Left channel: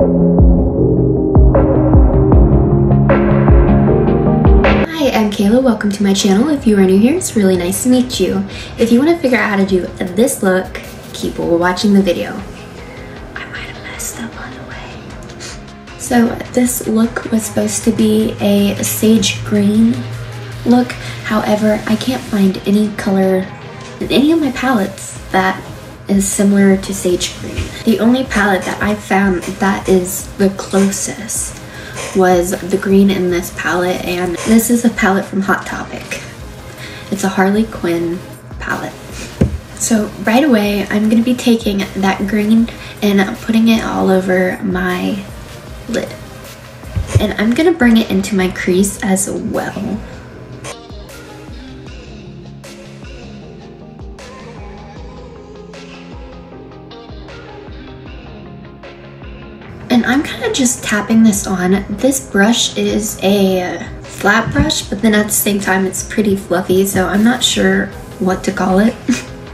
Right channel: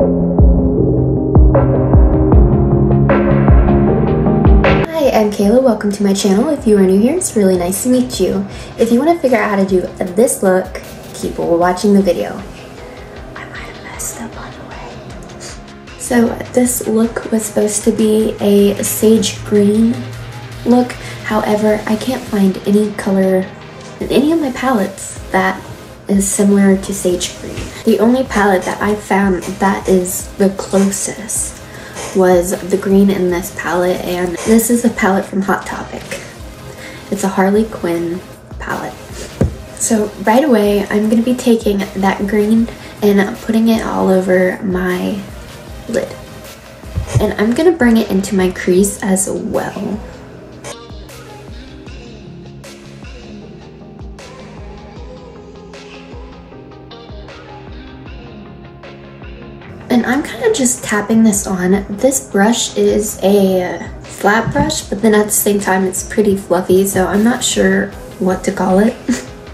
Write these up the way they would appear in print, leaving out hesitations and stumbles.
Hi, I'm Kayla. Welcome to my channel. If you are new here, it's really nice to meet you. If you want to figure out how to do this look, keep watching the video. I might have messed up on the way. So this look was supposed to be a sage green look. However, I can't find any color in any of my palettes that is similar to sage green. The only palette that I found that is the closest was the green in this palette, and this is a palette from Hot Topic. It's a Harley Quinn palette. So right away, I'm gonna be taking that green and putting it all over my lid. And I'm gonna bring it into my crease as well. And I'm kind of just tapping this on. This brush is a flat brush, but then at the same time it's pretty fluffy, so I'm not sure what to call it.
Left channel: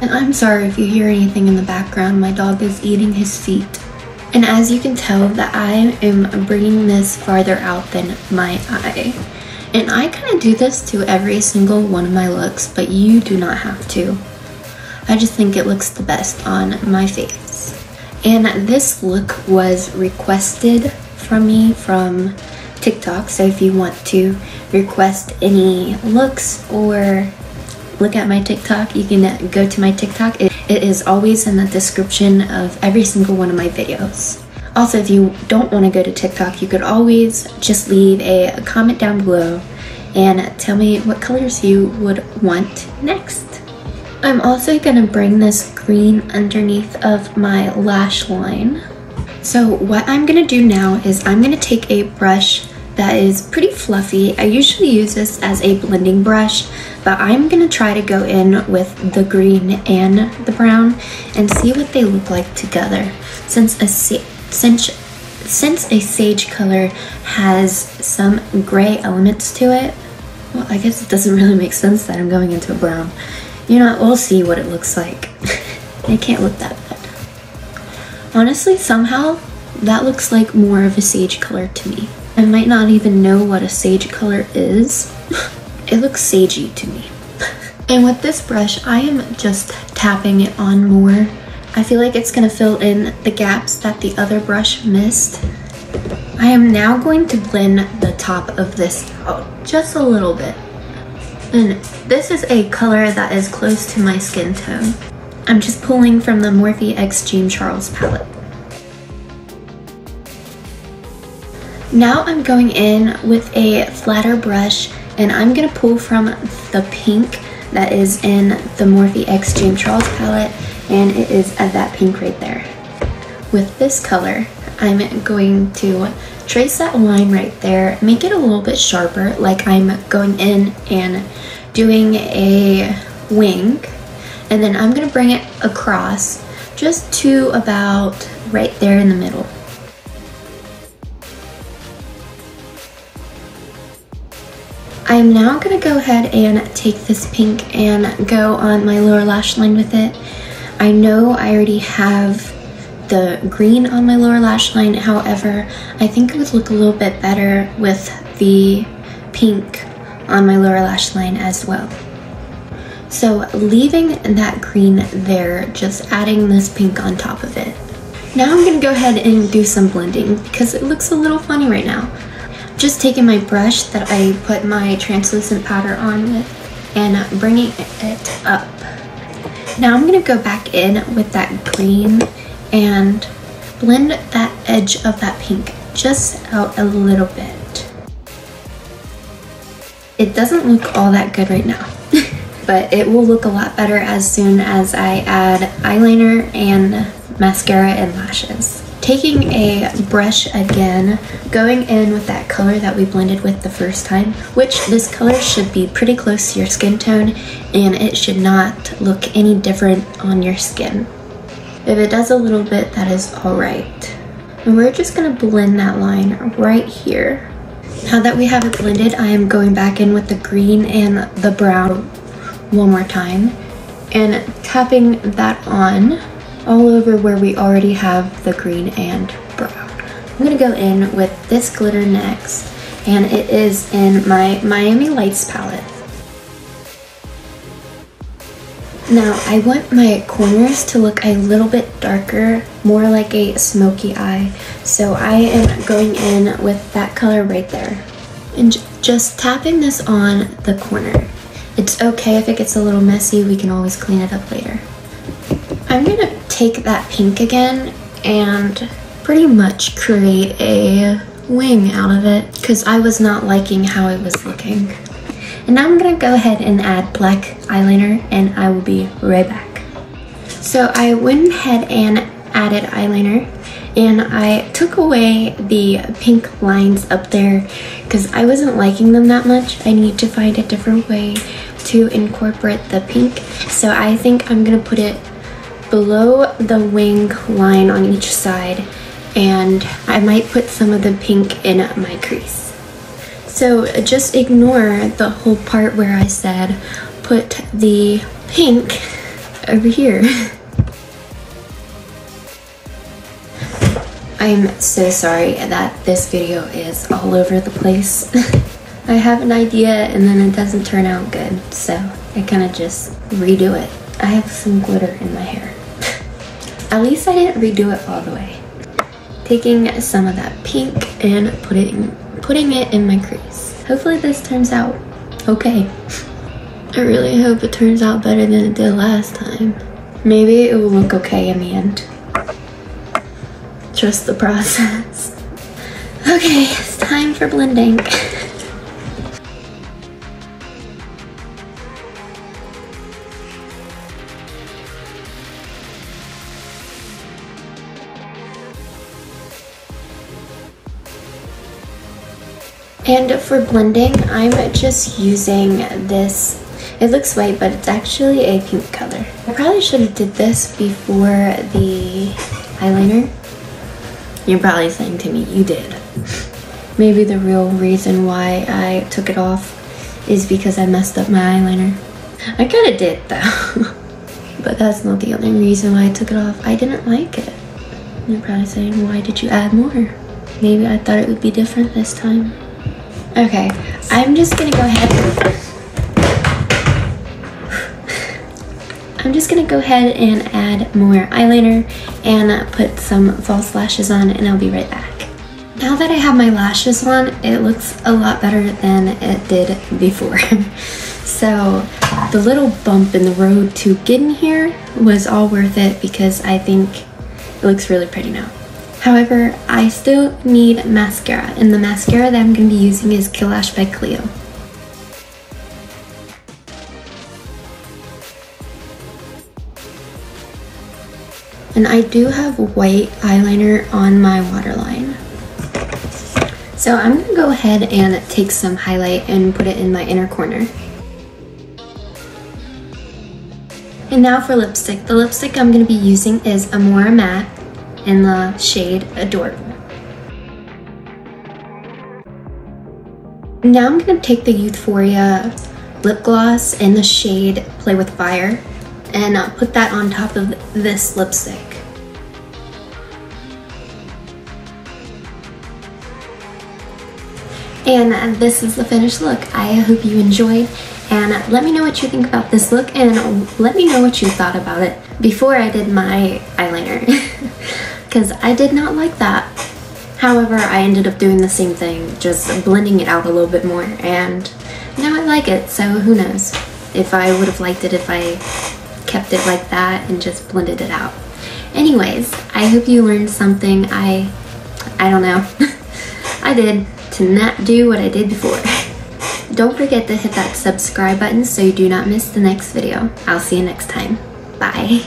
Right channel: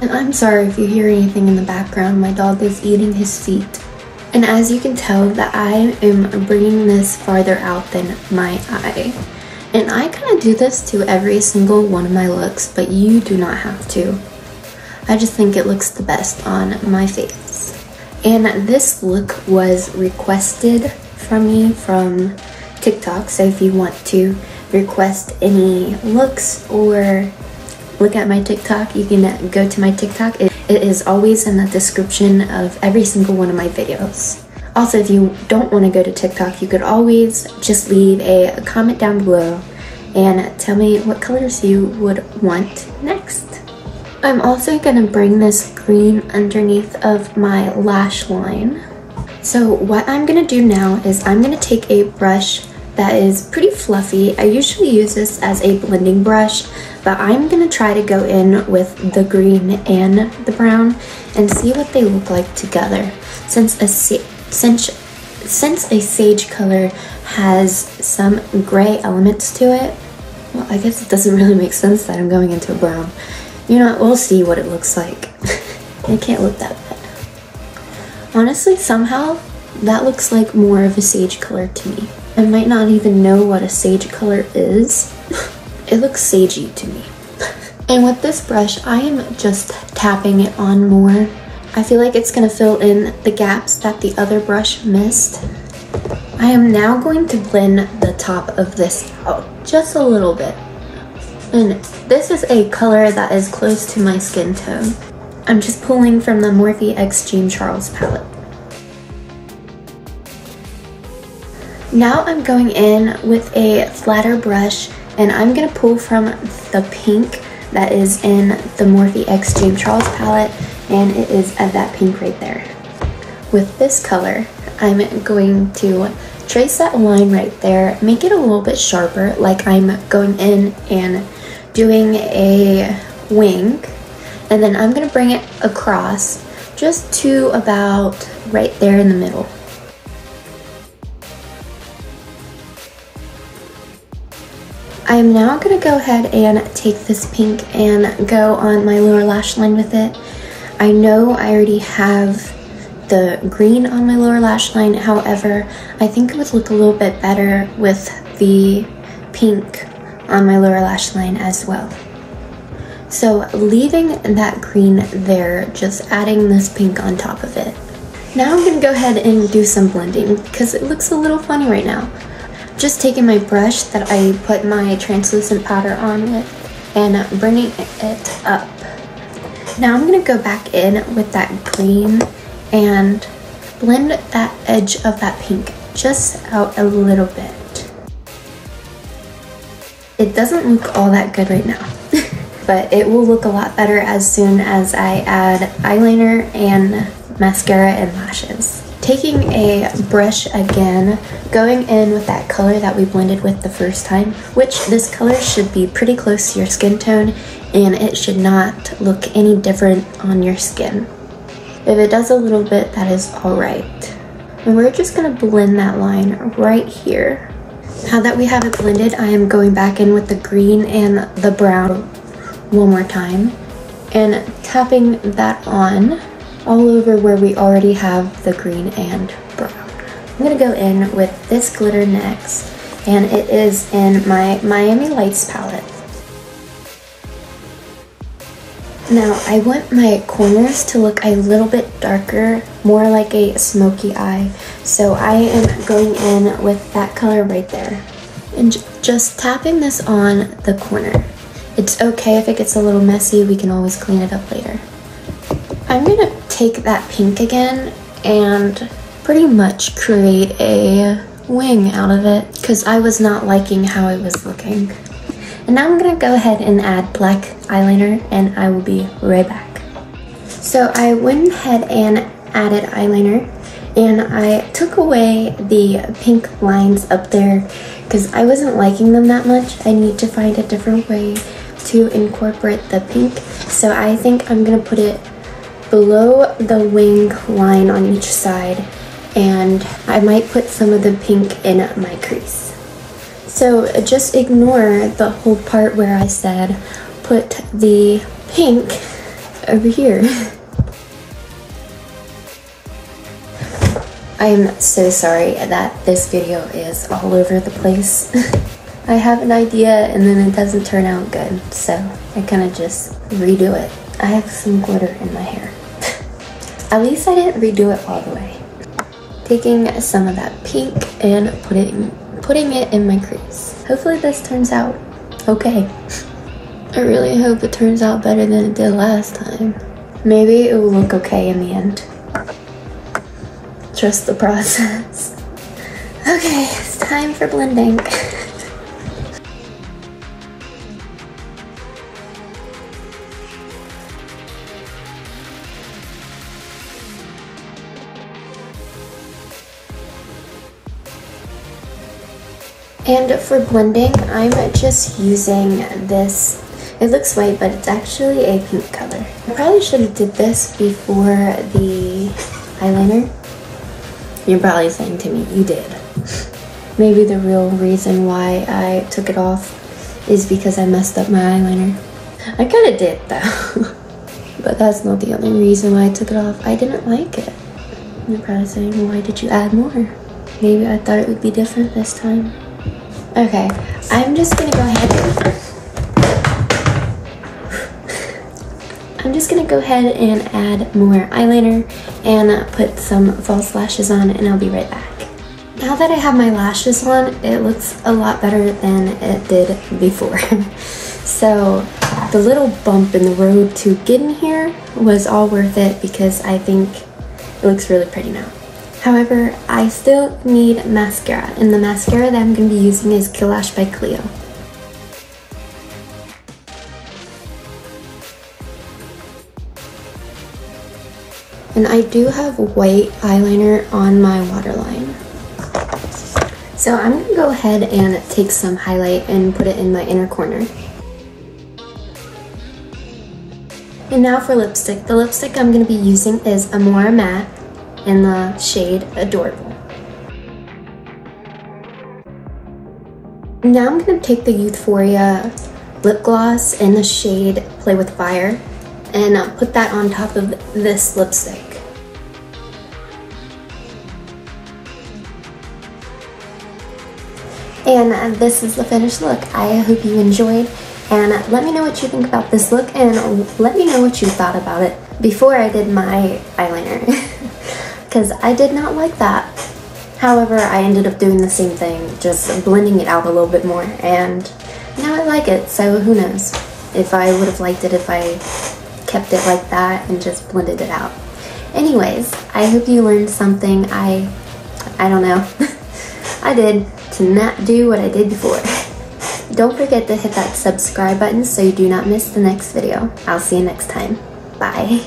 And I'm sorry if you hear anything in the background. My dog is eating his feet. And as you can tell, that I am bringing this farther out than my eye. And I kind of do this to every single one of my looks, but you do not have to. I just think it looks the best on my face. And this look was requested from me from TikTok, so if you want to request any looks or look at my TikTok, you can go to my TikTok. It is always in the description of every single one of my videos. Also, if you don't want to go to TikTok, you could always just leave a comment down below and tell me what colors you would want next. I'm also gonna bring this green underneath of my lash line. So what I'm gonna do now is I'm gonna take a brush that is pretty fluffy. I usually use this as a blending brush, but I'm gonna try to go in with the green and the brown and see what they look like together. Since a sage color has some gray elements to it, well, I guess it doesn't really make sense that I'm going into a brown. You know, we'll see what it looks like. It can't look that bad. Honestly, somehow, that looks like more of a sage color to me. I might not even know what a sage color is. It looks sagey to me. And with this brush, I am just tapping it on more. I feel like it's gonna fill in the gaps that the other brush missed. I am now going to blend the top of this out just a little bit. And this is a color that is close to my skin tone. I'm just pulling from the Morphe X James Charles palette. Now I'm going in with a flatter brush and I'm gonna pull from the pink that is in the Morphe X James Charles palette, and it is that pink right there. With this color, I'm going to trace that line right there, make it a little bit sharper, like I'm going in and doing a wing, and then I'm gonna bring it across just to about right there in the middle. I am now gonna go ahead and take this pink and go on my lower lash line with it. I know I already have the green on my lower lash line, however, I think it would look a little bit better with the pink on my lower lash line as well. So leaving that green there, just adding this pink on top of it. Now I'm gonna go ahead and do some blending because it looks a little funny right now. Just taking my brush that I put my translucent powder on with and bringing it up. Now I'm gonna go back in with that green and blend that edge of that pink just out a little bit. It doesn't look all that good right now, but it will look a lot better as soon as I add eyeliner and mascara and lashes. Taking a brush again, going in with that color that we blended with the first time, which this color should be pretty close to your skin tone and it should not look any different on your skin. If it does a little bit, that is all right. And we're just gonna blend that line right here. Now that we have it blended, I am going back in with the green and the brown one more time and tapping that on all over where we already have the green and brown. I'm gonna go in with this glitter next, and it is in my Miami Lights palette. Now, I want my corners to look a little bit darker, more like a smoky eye. So I am going in with that color right there. And just tapping this on the corner. It's okay if it gets a little messy, we can always clean it up later. I'm gonna take that pink again and pretty much create a wing out of it because I was not liking how it was looking. And now I'm gonna go ahead and add black eyeliner and I will be right back. So I went ahead and added eyeliner and I took away the pink lines up there because I wasn't liking them that much. I need to find a different way to incorporate the pink. So I think I'm gonna put it below the wing line on each side, and I might put some of the pink in my crease. So just ignore the whole part where I said put the pink over here. I'm so sorry that this video is all over the place. I have an idea and then it doesn't turn out good, so I kind of just redo it. I have some glitter in my hair. At least I didn't redo it all the way. Taking some of that pink and putting it in my crease. Hopefully this turns out okay. I really hope it turns out better than it did last time. Maybe it will look okay in the end. Trust the process. Okay, it's time for blending. And for blending, I'm just using this. It looks white, but it's actually a pink color. I probably should have did this before the eyeliner. You're probably saying to me, you did. Maybe the real reason why I took it off is because I messed up my eyeliner. I kind of did though. But that's not the only reason why I took it off. I didn't like it. You're probably saying, why did you add more? Maybe I thought it would be different this time. Okay, I'm just gonna go ahead and add more eyeliner and put some false lashes on, and I'll be right back. Now that I have my lashes on, it looks a lot better than it did before. So the little bump in the road to getting here was all worth it because I think it looks really pretty now. However, I still need mascara, and the mascara that I'm going to be using is Killlash by Clio. And I do have white eyeliner on my waterline. So I'm going to go ahead and take some highlight and put it in my inner corner. And now for lipstick. The lipstick I'm going to be using is Amora Matte in the shade Adorable. Now I'm going to take the Youthforia lip gloss in the shade Play with Fire and put that on top of this lipstick. And this is the finished look. I hope you enjoyed, and let me know what you think about this look, and let me know what you thought about it before I did my eyeliner, because I did not like that. However, I ended up doing the same thing, just blending it out a little bit more, and now I like it, so who knows if I would have liked it if I kept it like that and just blended it out. Anyways, I hope you learned something. I don't know. I did, to not do what I did before. Don't forget to hit that subscribe button so you do not miss the next video. I'll see you next time. Bye.